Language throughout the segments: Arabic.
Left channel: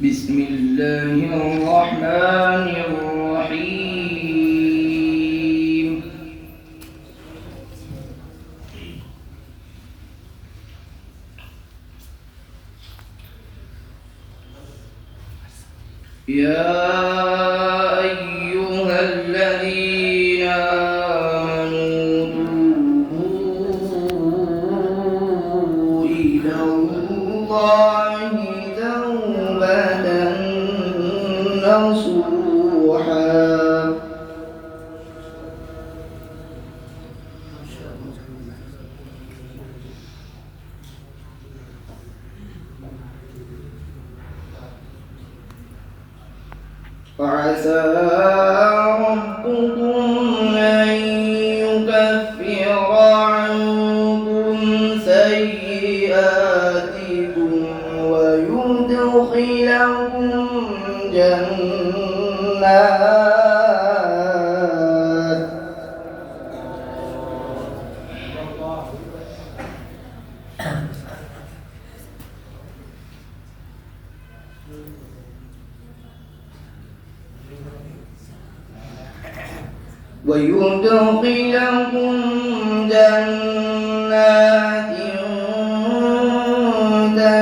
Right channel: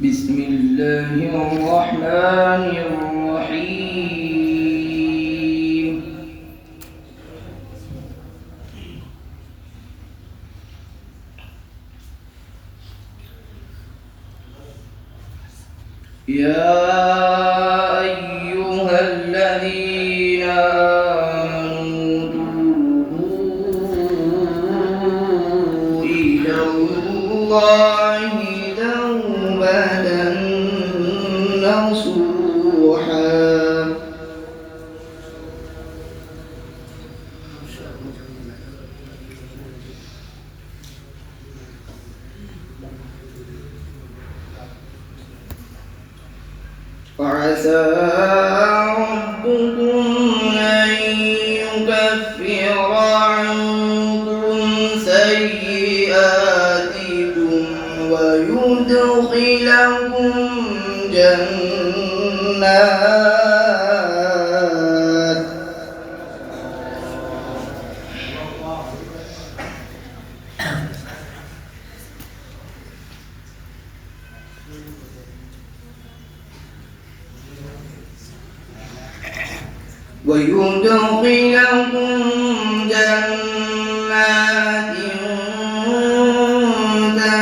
بسم الله الرحمن الرحيم. يا أيها الذين آمنوا توبوا إلى الله توبة نصوحا وعسى ربكم أن يكفر عنكم سيئاتكم ويدخلكم جنات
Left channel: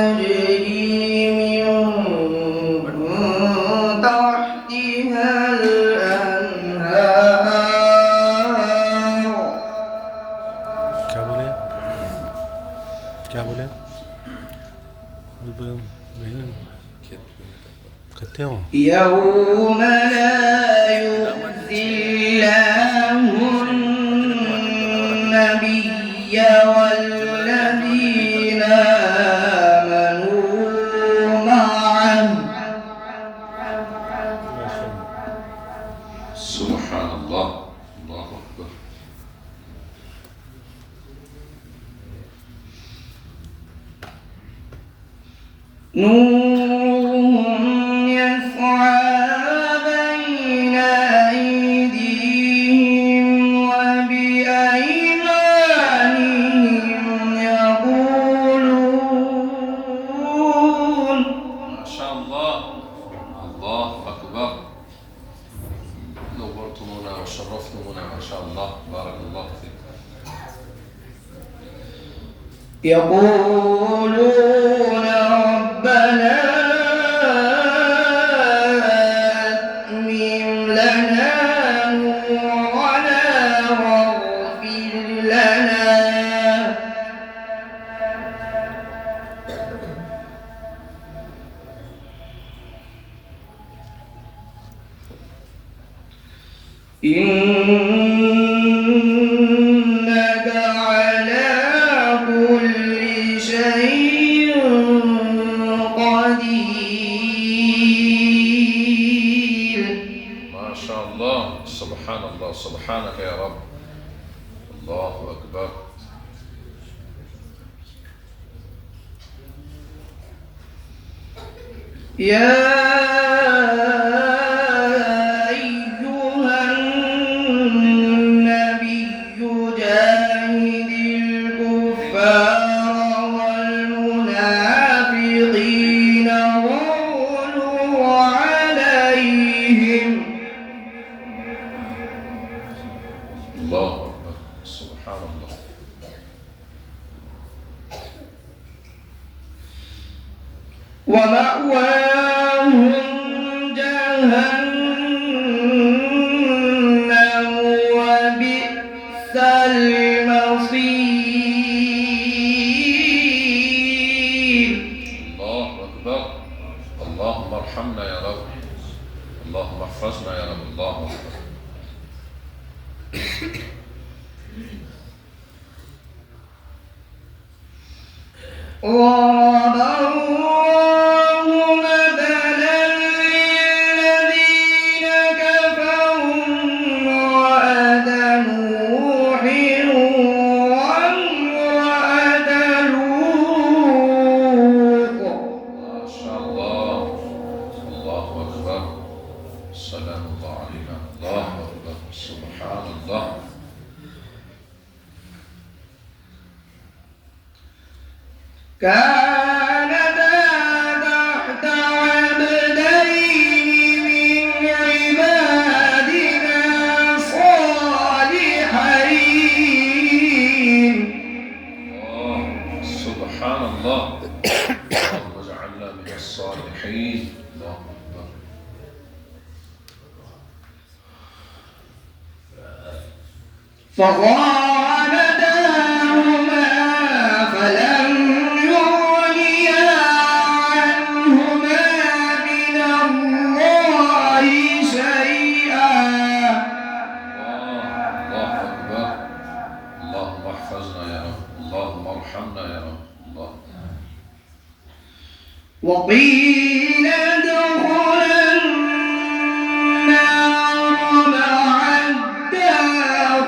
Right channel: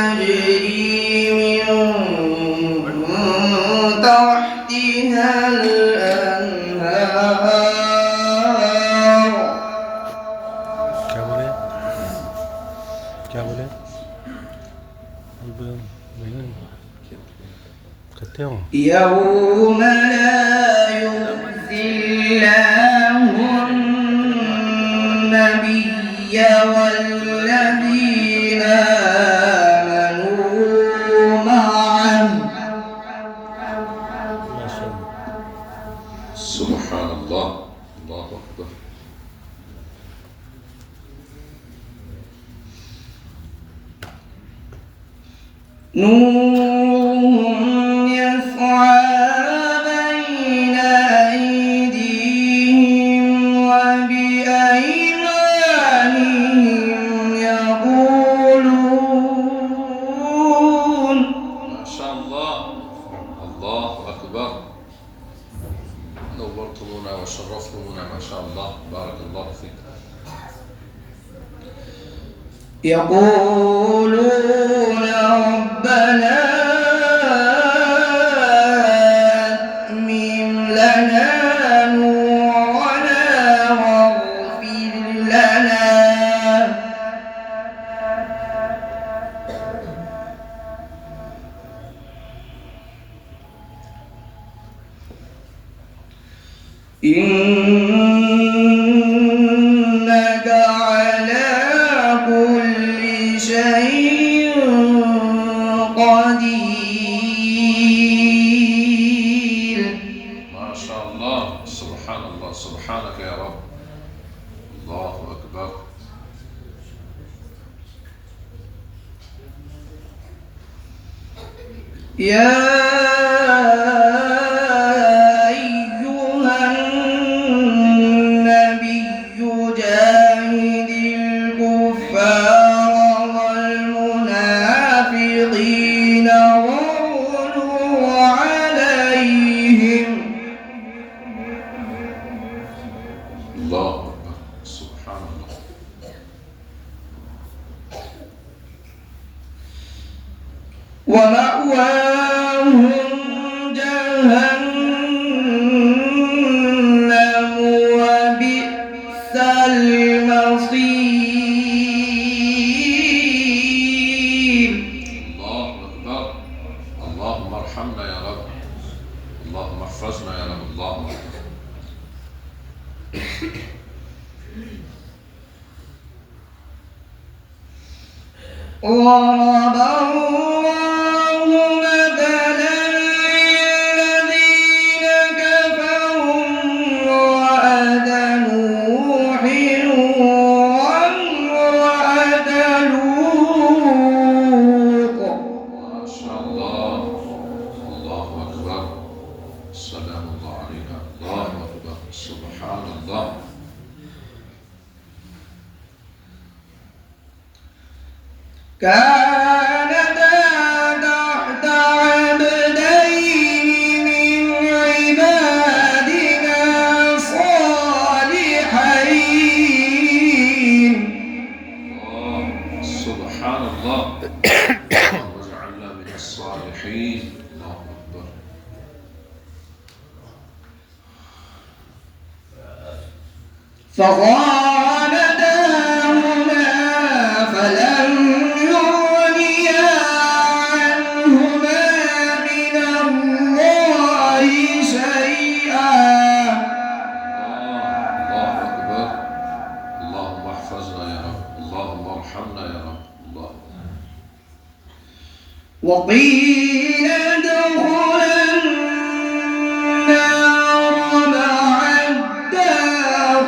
تجري من تحتها الأنهار. क्या बोले कहते हो يوم لا يخزي الله النبي والذين آمنوا معه. سبحان الله. الله أكبر. نورهم يسعى بين أيديهم وبأيمانهم يقولون ما شاء الله. الله أكبر. نورتمونا وشرفتمونا ما شاء الله. بارك الله فيك. يقولون ربنا أتمم لنا نورنا واغفر لنا. إنك على كل شيء قدير. ما شاء الله. سبحان الله. سبحانك يا رب. الله أكبر. يا أيها النبي جاهد الكفار والمنافقين واغلظ عليهم. الله أكبر. سبحان الله. ومأواهم جهنم وبئس المصير. الله أكبر. اللهم ارحمنا يا رب. اللهم احفظنا يا رب. الله أكبر. ضرب الله مثلا للذين كفروا امرأة نوح وامرأة لوط. ما شاء الله. الله أكبر. سلام الله علينا. الله أكبر. سبحان الله. كانتا تحت عبد سبحان الله. اللهم اجعلنا من الصالحين. الله أكبر. فخانتاهما فلم يغنيا عنهما من الله شيئا. الله أكبر. اللهم احفظنا يا رب. اللهم ارحمنا يا رب. الله. وقيل ادخلا النار مع الداخلين.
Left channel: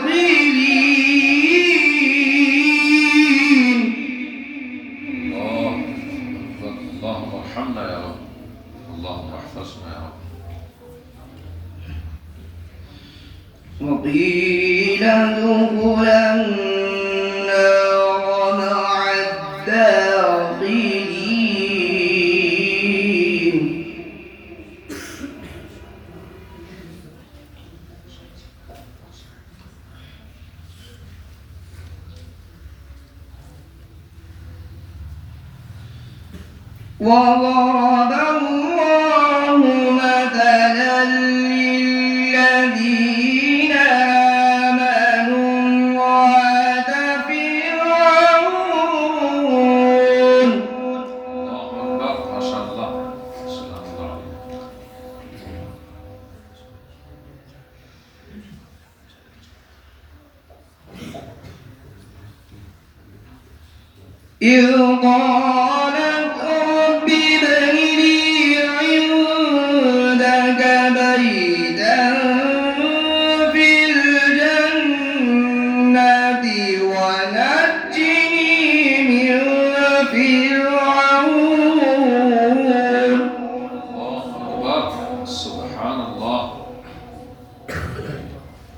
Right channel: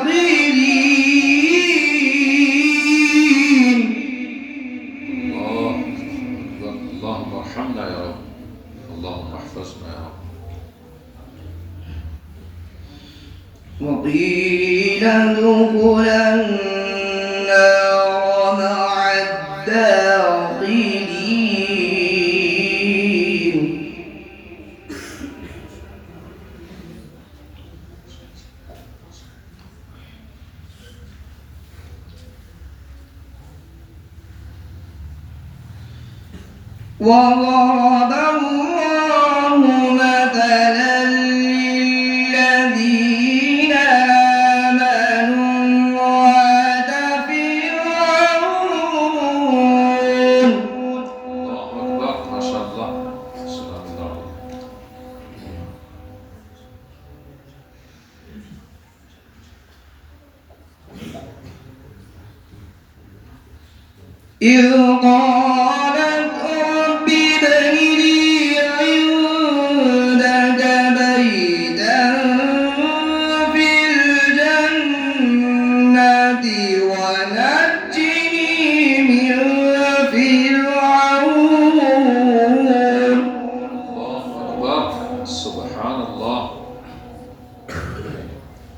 الله أكبر. اللهم ارحمنا يا رب. اللهم احفظنا يا رب. وقيل ادخلا النار مع الداخلين. وضرب الله مثلا للذين آمنوا امرأة فرعون. الله أكبر. ما شاء الله. سلام الله عليك. إذ قالت رب ابن لي عندك بيتا في الجنة ونجني من فرعون. الله أكبر. سبحان الله.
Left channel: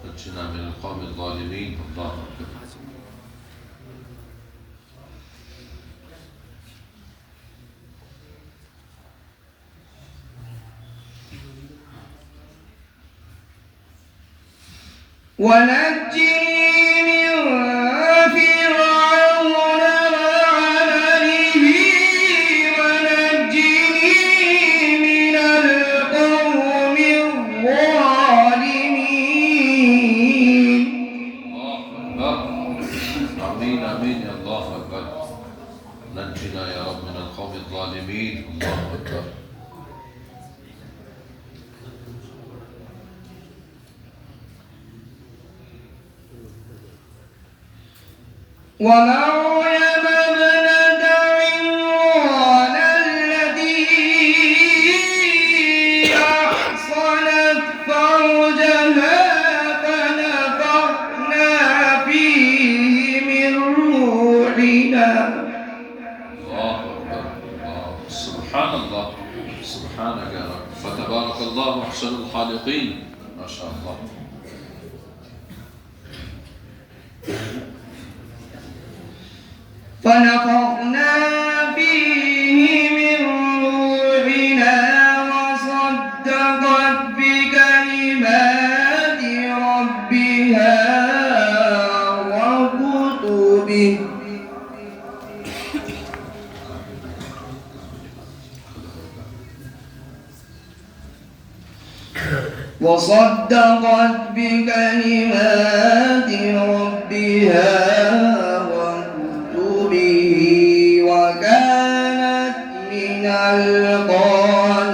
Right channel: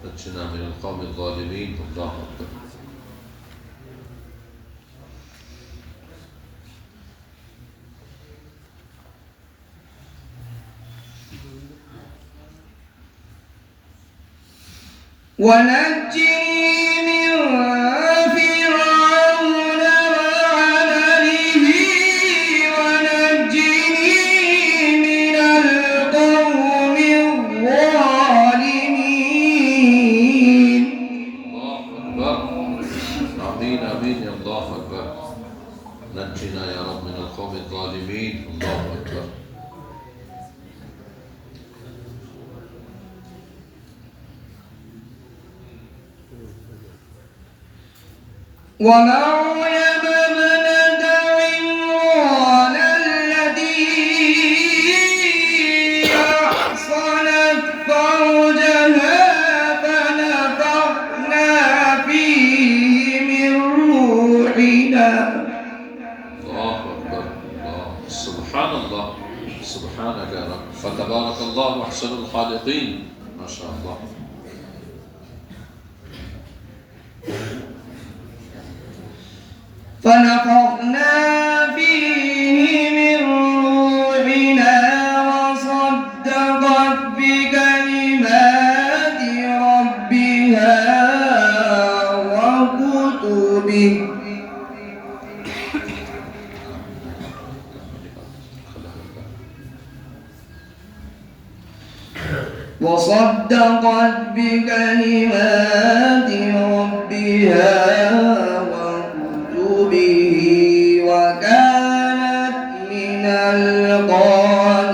نجنا من القوم الظالمين. الله أكبر. ونجني من فرعون وعمله ونجني من القوم الظالمين. الله أكبر. آمين آمين يا الله أكبر. نجنا يا رب من القوم الظالمين. الله أكبر. ومريم ابنة عمران التي أحصنت فرجها فنفخنا فيه من روحنا. الله أكبر. الله. سبحان الله. سبحانك يا رب. فتبارك الله أحسن الخالقين. ما شاء الله. فنفخنا فيه من روحنا وصدقت بكلمات ربها وكتبه. وصدقت بكلمات ربها وكتبه وكانت من القانتين.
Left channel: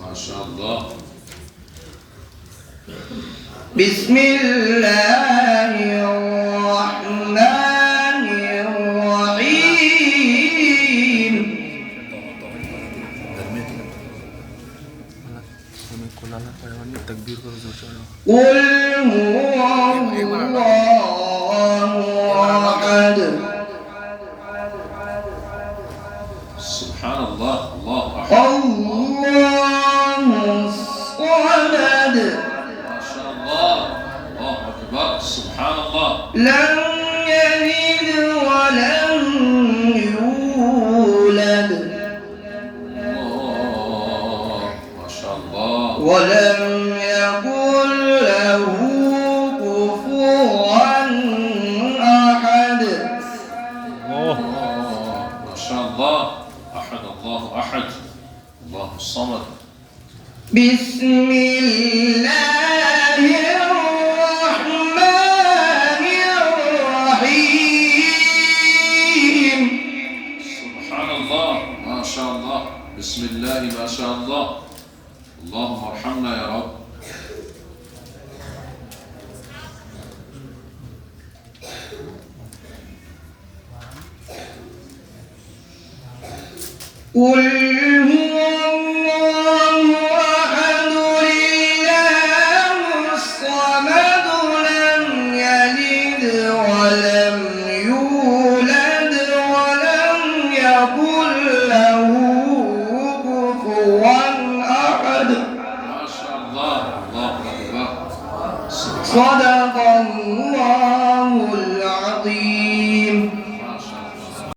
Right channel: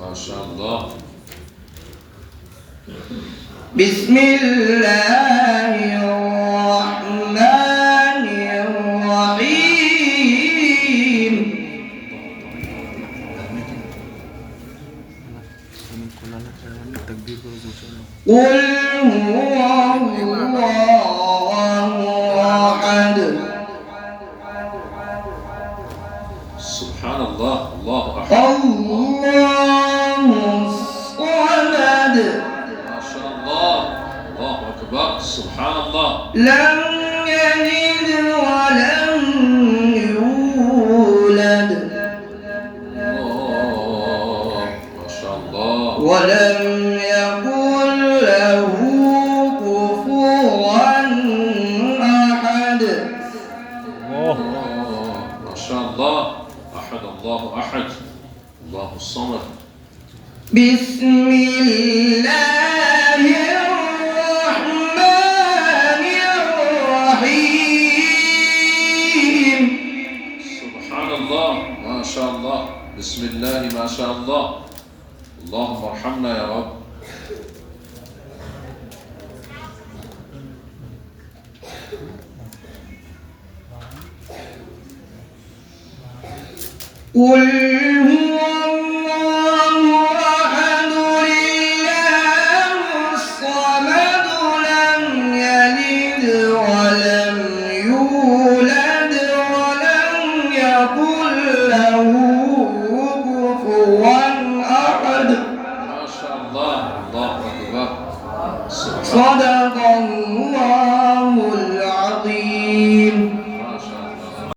ما شاء الله. بسم الله الرحمن الرحيم. قل هو الله أحد. سبحان الله. الله أحد. الله الصمد. ما شاء الله. الله أكبر. سبحان الله. لم يلد ولم يولد الله. ما شاء الله. ولم يكن له الصمد. بسم الله الرحمن الرحيم. سبحان الله، ما شاء الله، بسم الله ما شاء الله. اللهم ارحمنا يا رب. قل هو الله أحد الله الصمد لم يلد ولم يولد ولم يكن له كفوا أحد. ما شاء الله، الله أكبر. صدق الله